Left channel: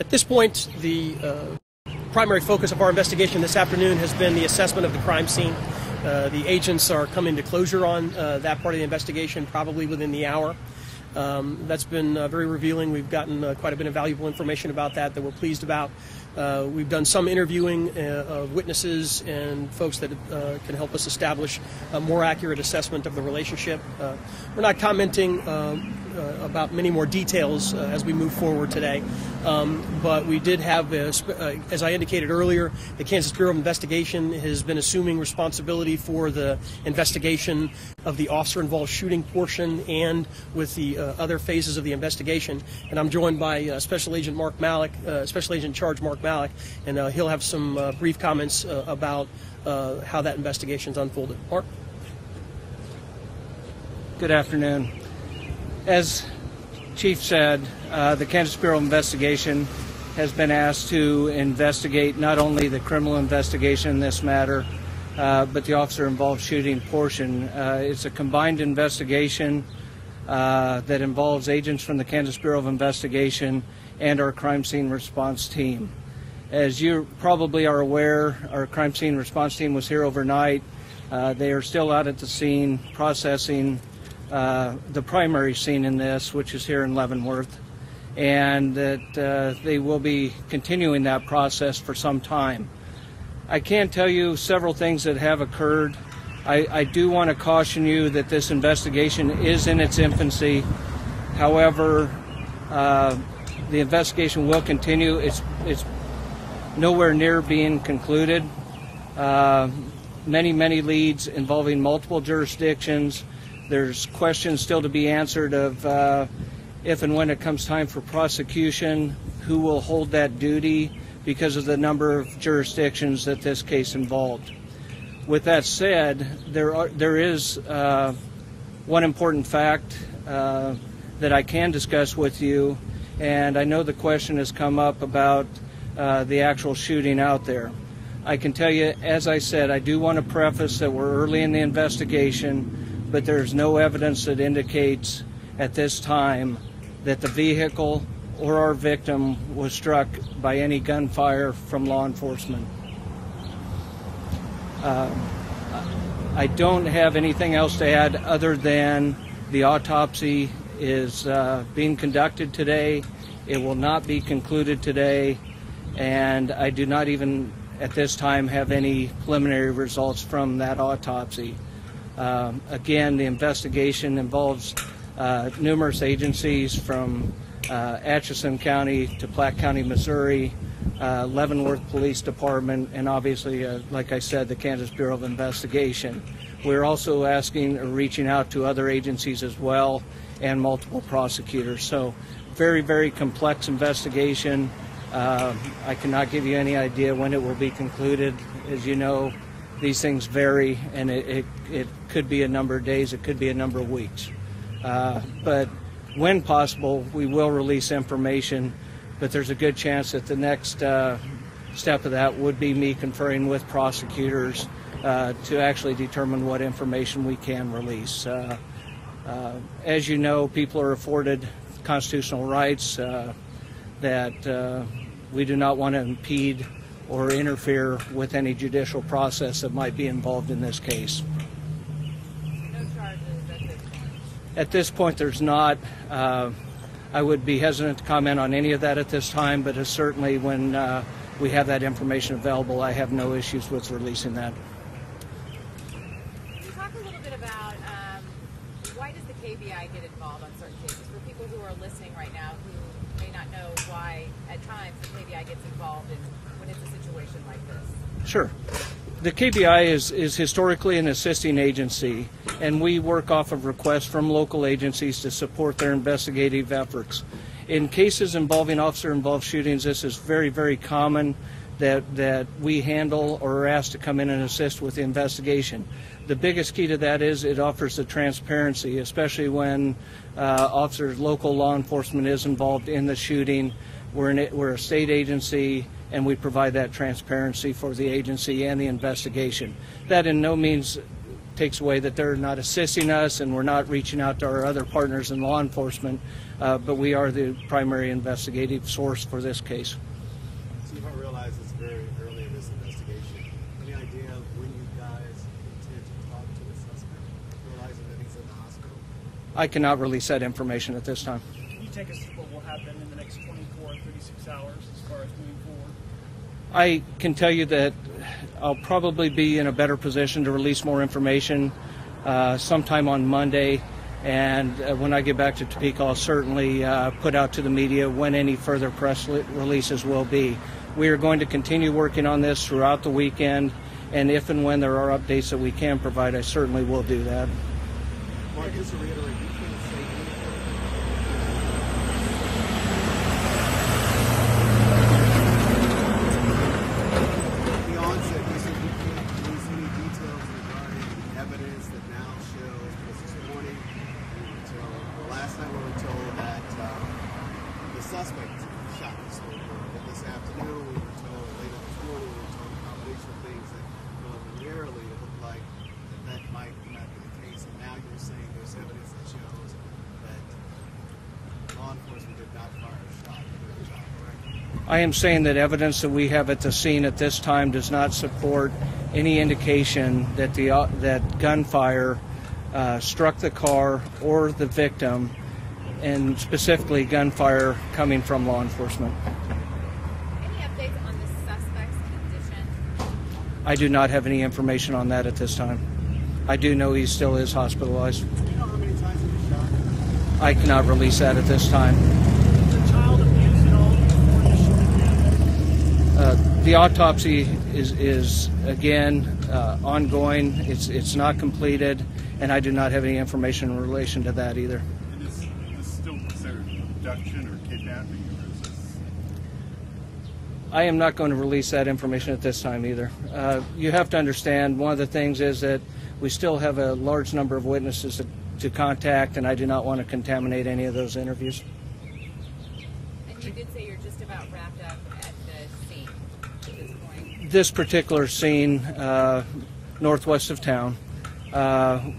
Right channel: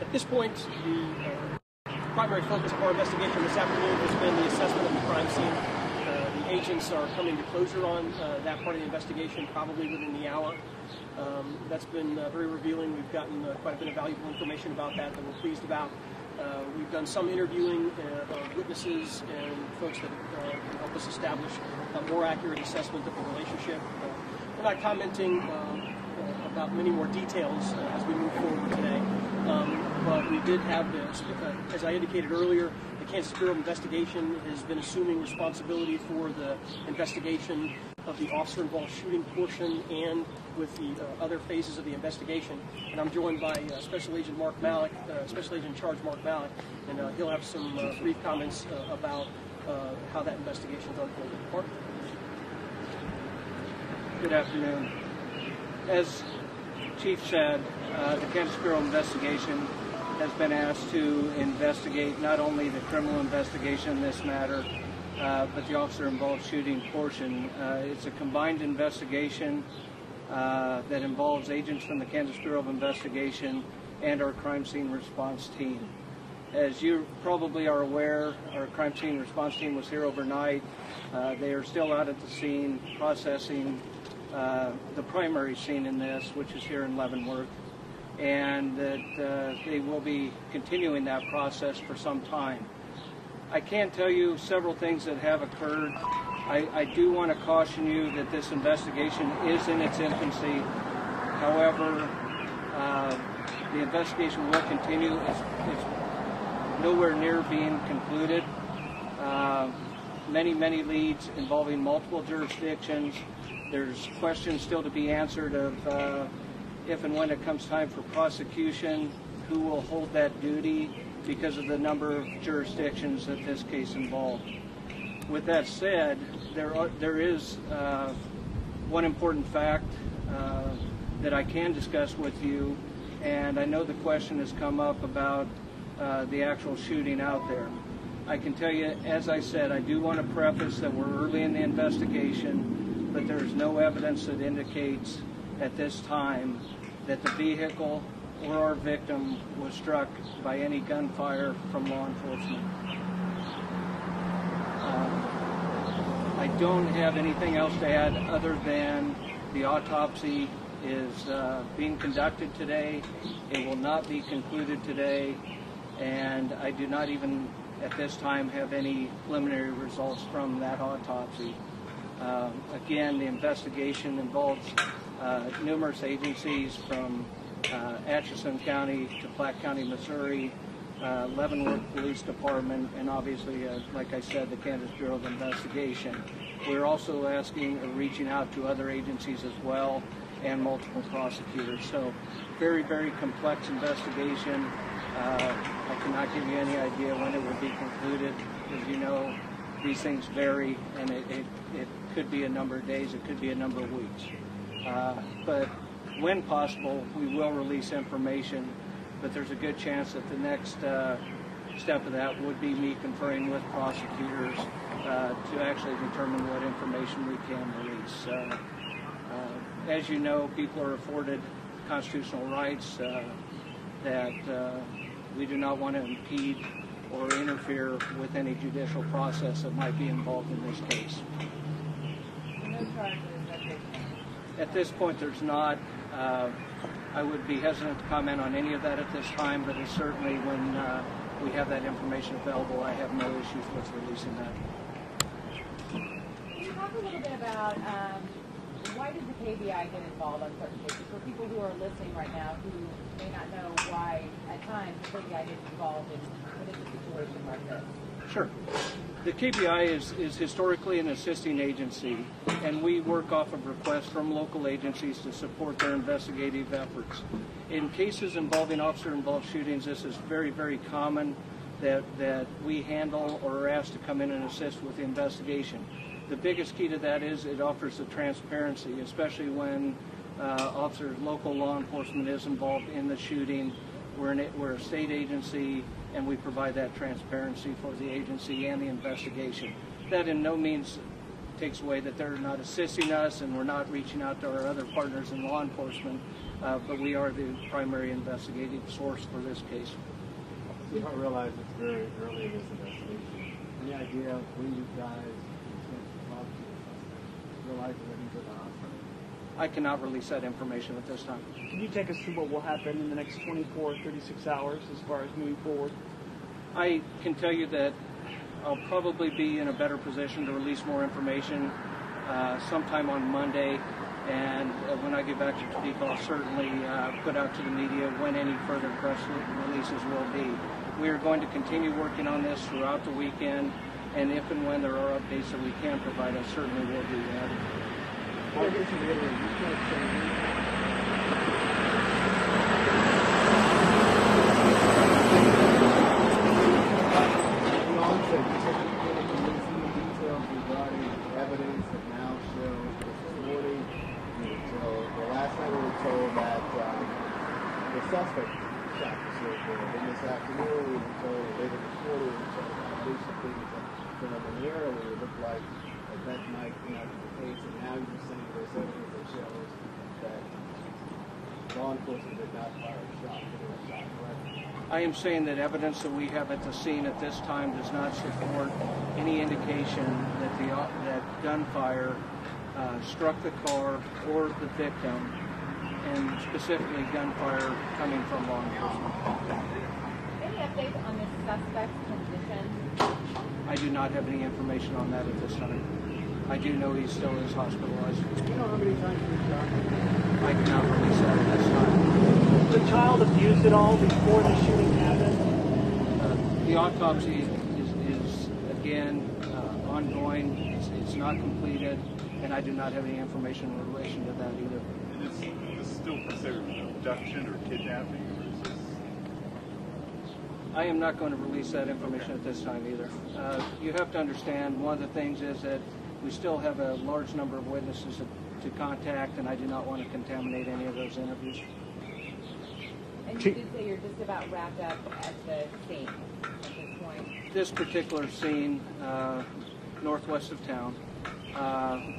At this point, the primary focus of our investigation this afternoon has been the assessment of the crime scene. The agents are coming to closure on that part of the investigation probably within the hour. That's been very revealing. We've gotten quite a bit of valuable information about that we're pleased about. We've done some interviewing of witnesses and folks that can help us establish a more accurate assessment of the relationship. We're not commenting about many more details as we move forward today, but we did have, as I indicated earlier, the Kansas Bureau of Investigation has been assuming responsibility for the investigation of the officer-involved shooting portion and with the other phases of the investigation. And I'm joined by Special Agent Mark Malik, Special Agent in Charge Mark Malik, and he'll have some brief comments about how that investigation's unfolded. Mark? Good afternoon. As Chief said, the Kansas Bureau of Investigation has been asked to investigate not only the criminal investigation in this matter, but the officer-involved shooting portion. It's a combined investigation that involves agents from the Kansas Bureau of Investigation and our crime scene response team. As you probably are aware, our crime scene response team was here overnight. They are still out at the scene processing the primary scene in this, which is here in Leavenworth, and that they will be continuing that process for some time. I can tell you several things that have occurred. I do want to caution you that this investigation is in its infancy. However, the investigation will continue. It's nowhere near being concluded. Many leads involving multiple jurisdictions. There's questions still to be answered of if and when it comes time for prosecution, who will hold that duty because of the number of jurisdictions that this case involved. With that said, there is one important fact that I can discuss with you, and I know the question has come up about the actual shooting out there. I can tell you, as I said, I do want to preface that we're early in the investigation, but there's no evidence that indicates at this time that the vehicle or our victim was struck by any gunfire from law enforcement. I don't have anything else to add other than the autopsy is being conducted today. It will not be concluded today, and I do not even at this time have any preliminary results from that autopsy. Again, the investigation involves numerous agencies from Atchison County to Platte County, Missouri, Leavenworth Police Department, and obviously, like I said, the Kansas Bureau of Investigation. We're also asking or reaching out to other agencies as well and multiple prosecutors. So very complex investigation. I cannot give you any idea when it will be concluded. As you know, these things vary, and it could be a number of days, it could be a number of weeks. But when possible, we will release information, but there's a good chance that the next step of that would be me conferring with prosecutors to actually determine what information we can release. As you know, people are afforded constitutional rights that we do not want to impede or interfere with any judicial process that might be involved in this case. No charges at this point? At this point, there's not. I would be hesitant to comment on any of that at this time, but certainly when we have that information available, I have no issues with releasing that. Can you talk a little bit about why does the KBI get involved on certain cases? For people who are listening right now who may not know why at times the KBI gets involved when it's a situation like this. Sure. The KBI is historically an assisting agency, and we work off of requests from local agencies to support their investigative efforts. In cases involving officer-involved shootings, this is very common that we handle or are asked to come in and assist with the investigation. The biggest key to that is it offers the transparency, especially when local law enforcement is involved in the shooting. We're a state agency, and we provide that transparency for the agency and the investigation. That in no means takes away that they're not assisting us and we're not reaching out to our other partners in law enforcement, but we are the primary investigative source for this case. Chief, I realize it's very early in this investigation. Any idea when you guys intend to talk to the suspect, realizing that he's at the hospital? I cannot release that information at this time. Can you take us through what will happen in the next 24 to 36 hours as far as moving forward? I can tell you that I'll probably be in a better position to release more information sometime on Monday, and when I get back to Topeka, I'll certainly put out to the media when any further press releases will be. We are going to continue working on this throughout the weekend, and if and when there are updates that we can provide, I certainly will do that. Suspect shot this little boy, and this afternoon we were told, later this morning we were told by police things that preliminarily it looked like that might not be the case, and now you're saying there's evidence that shows that law enforcement did not fire a shot. I am saying that evidence that we have at the scene at this time does not support any indication that that gunfire struck the car or the victim, and specifically gunfire coming from law enforcement. Any updates on the suspect's condition? I do not have any information on that at this time. I do know he still is hospitalized. Do you know how many times he was shot? I cannot release that at this time. Was the child abused at all before the shooting happened? The autopsy is again ongoing. It's not completed, and I do not have any information in relation to that either. Is this still considered abduction or kidnapping, or is this? I am not going to release that information at this time either. You have to understand, one of the things is that we still have a large number of witnesses to contact, and I do not want to contaminate any of those interviews. And you did say you're just about wrapped up at the scene at this point. This particular scene, northwest of town,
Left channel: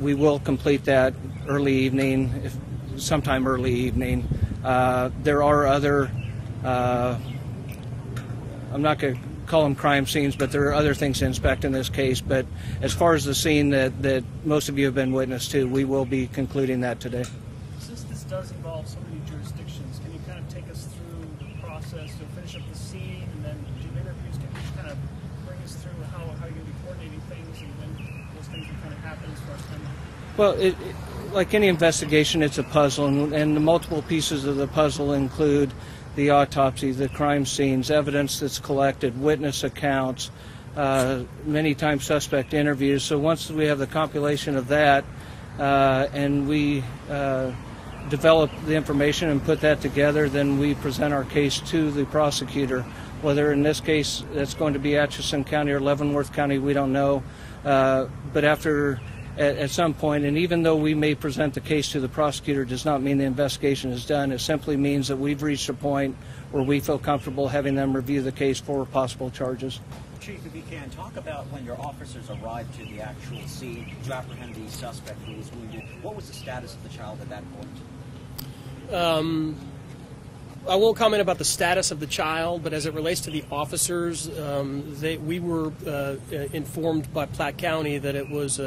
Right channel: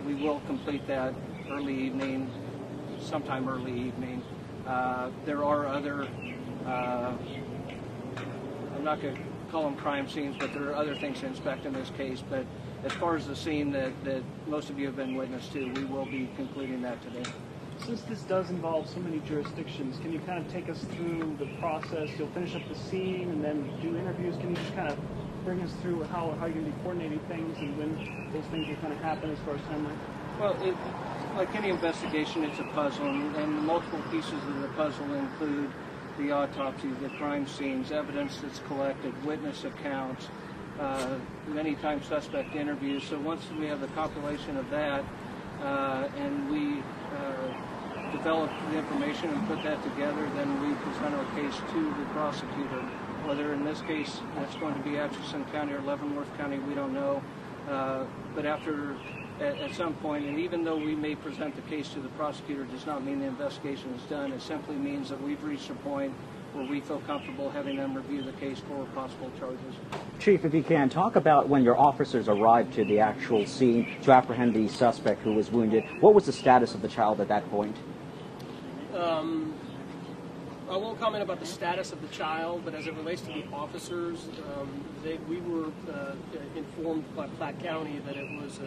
we will complete that early evening, sometime early evening. There are other, I'm not going to call them crime scenes, but there are other things to inspect in this case. But as far as the scene that most of you have been witness to, we will be concluding that today. Since this does involve so many jurisdictions, can you kind of take us through the process? You'll finish up the scene and then do interviews. Can you just kind of bring us through how you're going to be coordinating things and when those things will kind of happen as far as timeline? Well, like any investigation, it's a puzzle, and the multiple pieces of the puzzle include the autopsy, the crime scenes, evidence that's collected, witness accounts, many times suspect interviews. So once we have the compilation of that and we develop the information and put that together, then we present our case to the prosecutor. Whether in this case that's going to be Atchison County or Leavenworth County, we don't know. But at some point, and even though we may present the case to the prosecutor, does not mean the investigation is done. It simply means that we've reached a point where we feel comfortable having them review the case for possible charges. Chief, if you can, talk about when your officers arrived to the actual scene to apprehend the suspect who was wounded. What was the status of the child at that point? I won't comment about the status of the child, but as it relates to the officers, we were informed by Platte County that it was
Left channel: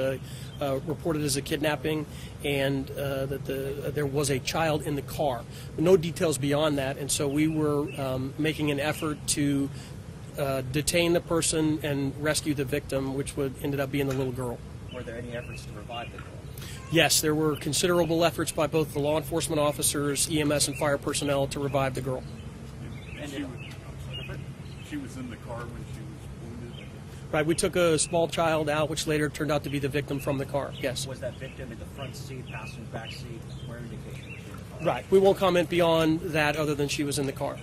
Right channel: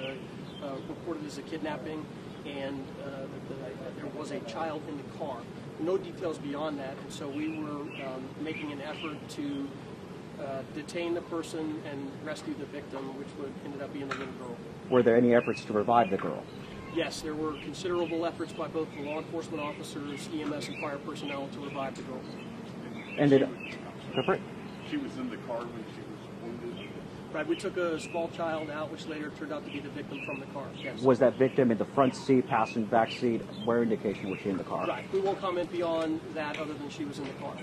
reported as a kidnapping and that there was a child in the car. No details beyond that, and so we were making an effort to detain the person and rescue the victim, which ended up being the little girl. Were there any efforts to revive the girl? Yes, there were considerable efforts by both the law enforcement officers, EMS, and fire personnel to revive the girl. And She was in the car when she was wounded? Right, we took a small child out, which later turned out to be the victim from the car, yes. Was that victim in the front seat, passenger back seat? Where indication was she in the car? Right, we won't comment beyond that other than she was in the car.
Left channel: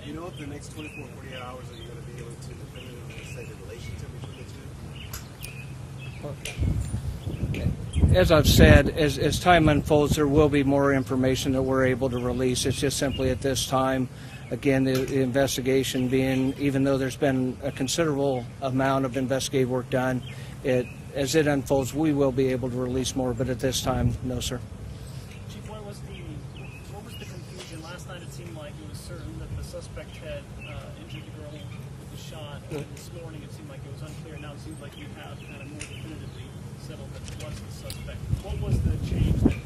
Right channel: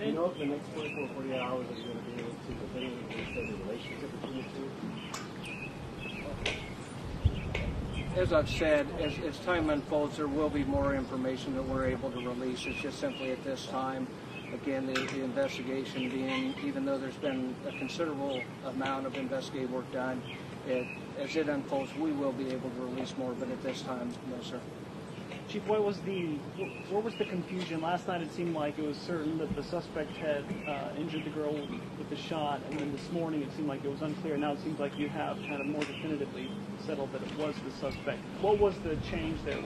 Do you know if the next 24 or 48 hours are you going to be able to definitively say the relationship between the two? As I've said, as time unfolds, there will be more information that we're able to release. It's just simply at this time, again, the investigation being, even though there's been a considerable amount of investigative work done, as it unfolds, we will be able to release more, but at this time, no, sir. Chief, what was the confusion? Last night it seemed like it was certain that the suspect had injured the girl with the shot, and then this morning it seemed like it was unclear. Now it seems like you have kind of more definitively settled that it was the suspect. What was the change there?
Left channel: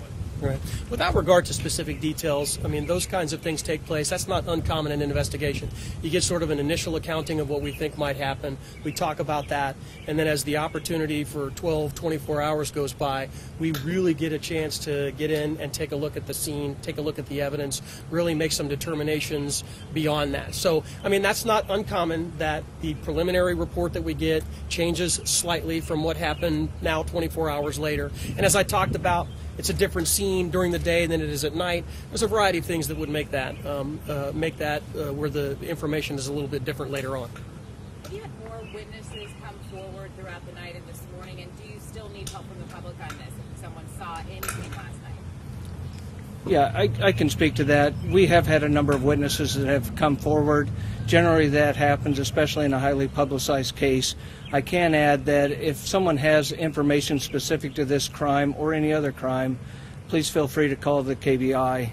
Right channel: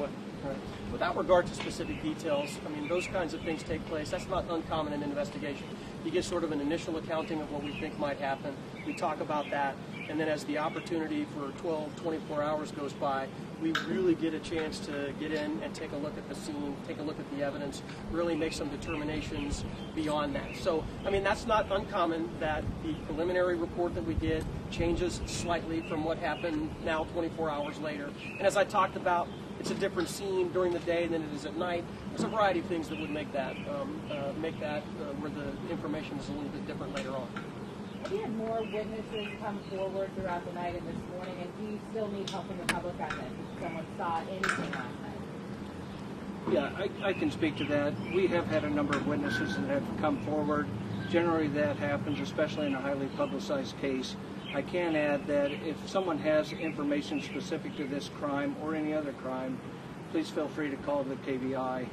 Right. Without regard to specific details, I mean, those kinds of things take place. That's not uncommon in an investigation. You get sort of an initial accounting of what we think might happen. We talk about that, and then as the opportunity for 12, 24 hours goes by, we really get a chance to get in and take a look at the scene, take a look at the evidence, really make some determinations beyond that. So, I mean, that's not uncommon that the preliminary report that we get changes slightly from what happened now 24 hours later. And as I talked about, it's a different scene during the day than it is at night. There's a variety of things that would make that where the information is a little bit different later on. Have you had more witnesses come forward throughout the night and this morning, and do you still need help from the public on this if someone saw anything last night? Yeah, I can speak to that. We have had a number of witnesses that have come forward. Generally that happens, especially in a highly publicized case. I can add that if someone has information specific to this crime or any other crime, please feel free to call the KBI.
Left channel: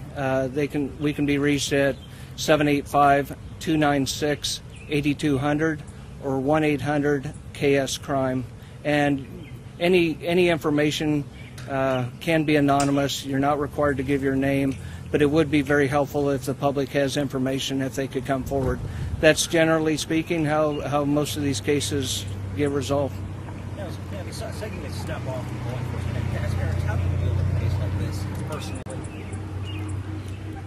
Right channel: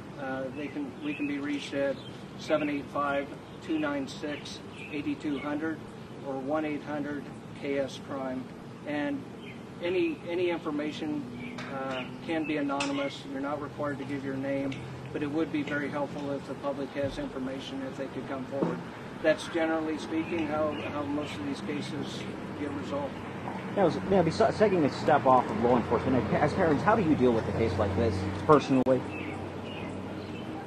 We can be reached at 785-296-8200 or 1-800-KS-CRIME. And any information can be anonymous. You're not required to give your name, but it would be very helpful if the public has information, if they could come forward. That's generally speaking how most of these cases get resolved. Besides taking a step off of law enforcement, as parents, how do you deal with a case like this personally?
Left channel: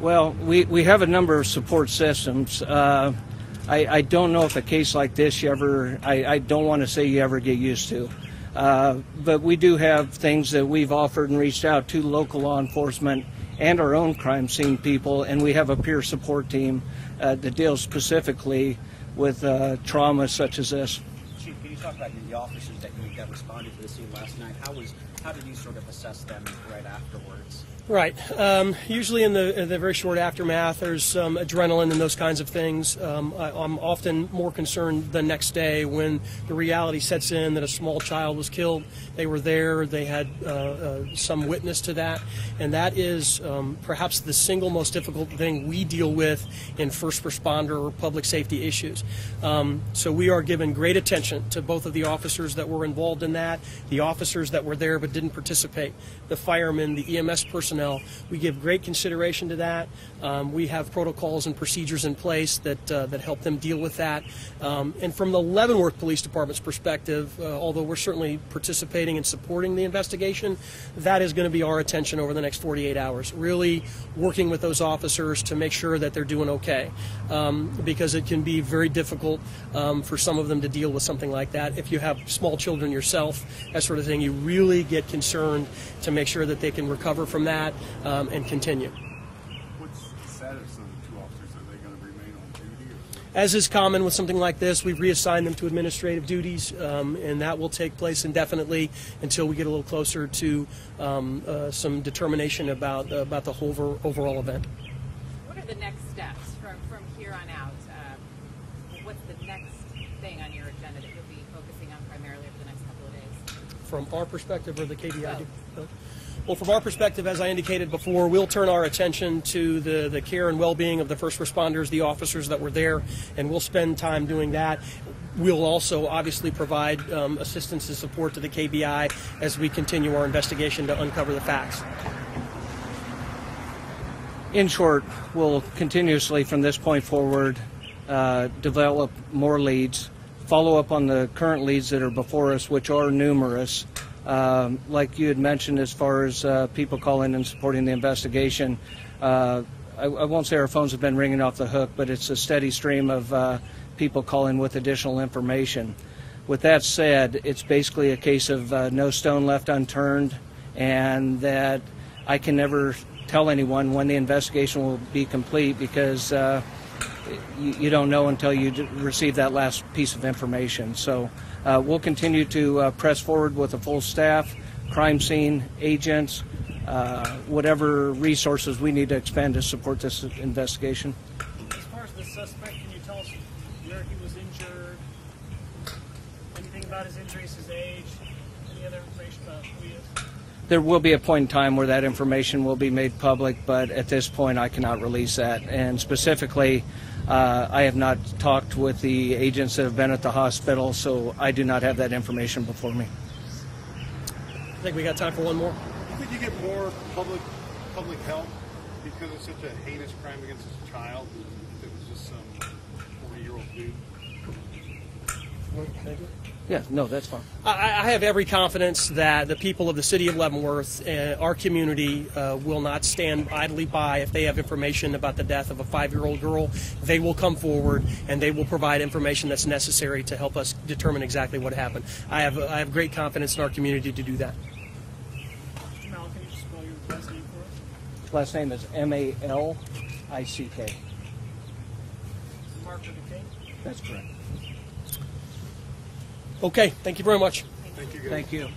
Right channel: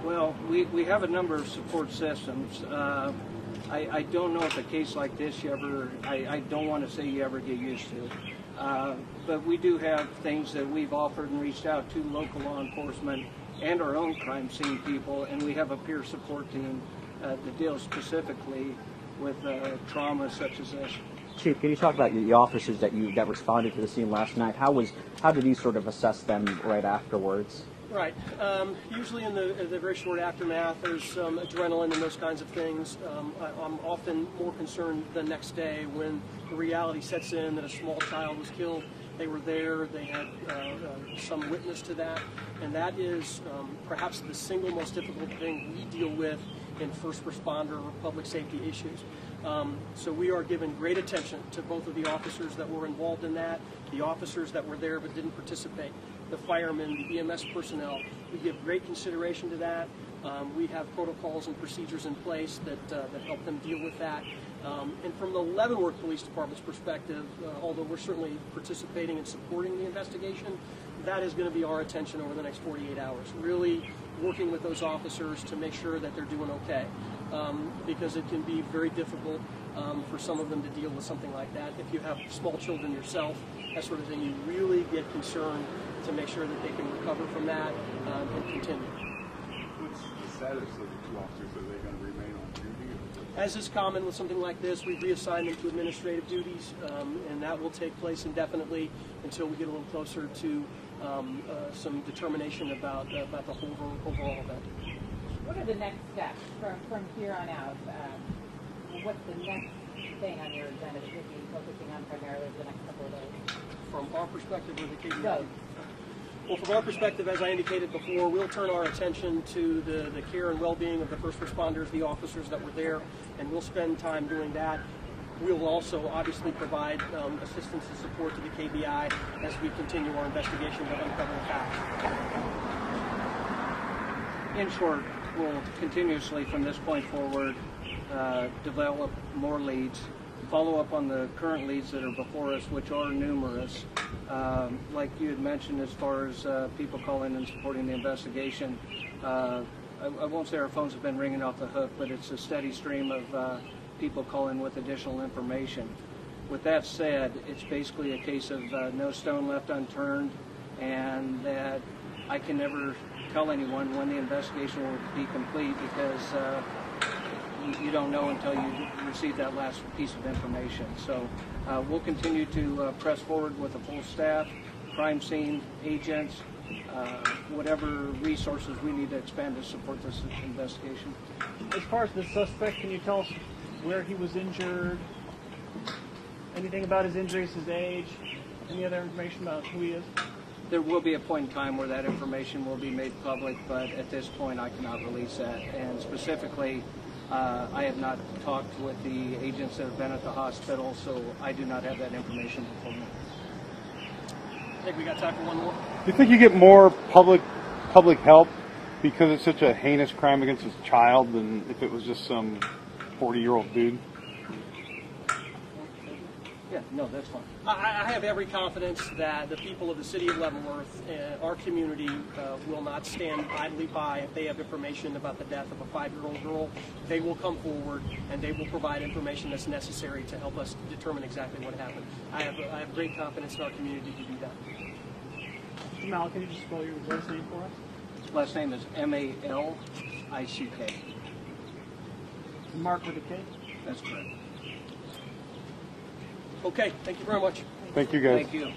Well, we have a number of support systems. I don't know if a case like this I don't want to say you ever get used to. But we do have things that we've offered and reached out to local law enforcement and our own crime scene people, and we have a peer support team that deals specifically with trauma such as this. Chief, can you talk about the officers that responded to the scene last night? How did you sort of assess them right afterwards? Right. Usually in the very short aftermath, there's some adrenaline and those kinds of things. I'm often more concerned the next day when the reality sets in that a small child was killed. They were there. They had some witness to that. And that is perhaps the single most difficult thing we deal with in first responder or public safety issues. So we are giving great attention to both of the officers that were involved in that, the officers that were there but didn't participate, the firemen, the EMS personnel. We give great consideration to that. We have protocols and procedures in place that help them deal with that. And from the Leavenworth Police Department's perspective, although we're certainly participating and supporting the investigation, that is going to be our attention over the next 48 hours, really working with those officers to make sure that they're doing okay, because it can be very difficult for some of them to deal with something like that. If you have small children yourself, that sort of thing, you really get concerned to make sure that they can recover from that and continue. What's the status of the two officers? Are they going to remain on duty? As is common with something like this, we've reassigned them to administrative duties, and that will take place indefinitely until we get a little closer to some determination about the whole overall event. What are the next steps from here on out? What's the next thing on your agenda that you'll be focusing on primarily for the next couple of days? From our perspective, or the KBI? Well, from our perspective, as I indicated before, we'll turn our attention to the care and well-being of the first responders, the officers that were there, and we'll spend time doing that. We'll also obviously provide assistance and support to the KBI as we continue our investigation to uncover the facts. In short, we'll continuously from this point forward develop more leads, follow up on the current leads that are before us, which are numerous. Like you had mentioned, as far as people calling and supporting the investigation, I won't say our phones have been ringing off the hook, but it's a steady stream of people calling with additional information. With that said, it's basically a case of no stone left unturned, and that I can never tell anyone when the investigation will be complete, because you don't know until you receive that last piece of information. So we'll continue to press forward with a full staff, crime scene agents, whatever resources we need to expend to support this investigation. As far as the suspect, can you tell us where he was injured? Anything about his injuries, his age? Any other information about who he is? There will be a point in time where that information will be made public, but at this point I cannot release that. And specifically, I have not talked with the agents that have been at the hospital, so I do not have that information before me. I think we got time for one more. Do you think you get more public help because it's such a heinous crime against a child than if it was just some 40-year-old dude? Yeah, no, that's fine. I have every confidence that the people of the city of Leavenworth, our community, will not stand idly by if they have information about the death of a 5-year-old girl. They will come forward and they will provide information that's necessary to help us determine exactly what happened. I have great confidence in our community to do that. Mr. Mal, can you just spell your last name for us? Last name is Malick. Mark with a K? That's correct. Okay, thank you very much. Thank you, guys. Thank you.